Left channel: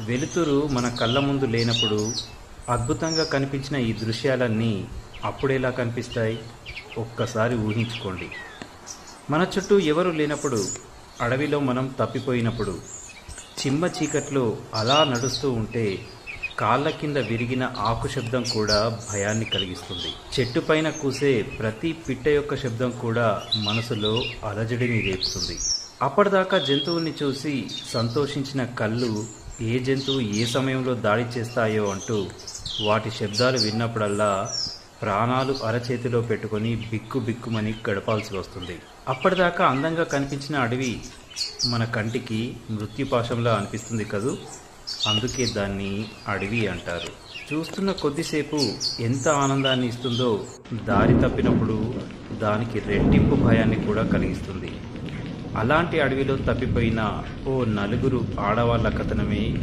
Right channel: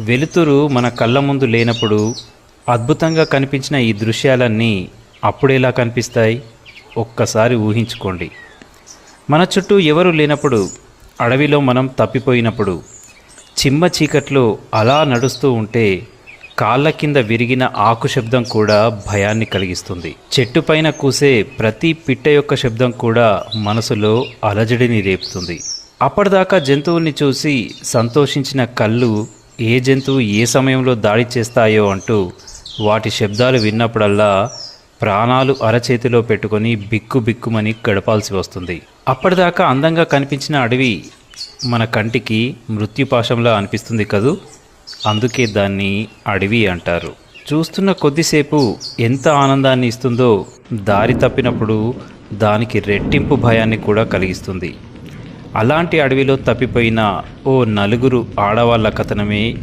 వెలుతురు మన కళ్ళ ముందు లేనప్పుడు అద్భుతంగా కనిపించిన ఈ దృశ్యాలన్నీ అప్పుడెలా కనిపిస్తాయి? ఒక్కసారి ఊహించుకోండి. మన చుట్టూ ఎవరు లేనప్పుడు, అడవిలో మనం తప్పిపోయినప్పుడు, చిమ్మ చీకట్లో అలా నడుస్తూ ఉంటే కాళ్ళ కింద విరిగిన ఆకు శబ్దం కూడా భయాన్ని కలిగిస్తుంది. చెట్టుపైన కూసే ప్రతి పిట్ట యొక్క శబ్దం కూడా మనసులో అలజడిని రేపుతుంది. అప్పటిదాకా జంతువుల్ని చూసి సంతోషించిన కళ్ళు ఏ జంతువు ఏ సమయంలో దాడి చేస్తాయో అంటూ వాటి శబ్దాలు విన్నప్పుడల్లా ప్రాణాలు అరచేతిలో పెట్టుకొని బిక్కుమని గడపాల్సి వస్తుంది. అప్పటిదాకా అందంగా కనిపించిన అడవి మన కంటికి మృత్యుపాశంలా అనిపిస్తుంది కదూ. అందుకే దాన్ని అడవి అంటారు. చూస్తున్న కొద్దిసేపు ఎంత ఆనందాన్ని ఇస్తుందో, దారి తప్పినప్పుడు దానికి రెట్టింపు భయాన్ని కూడా కలిగిస్తుంది. అలాంటి అడవిలో తప్పిపోయిన ఓ నలుగురు ఆడవాళ్ళ కథనమే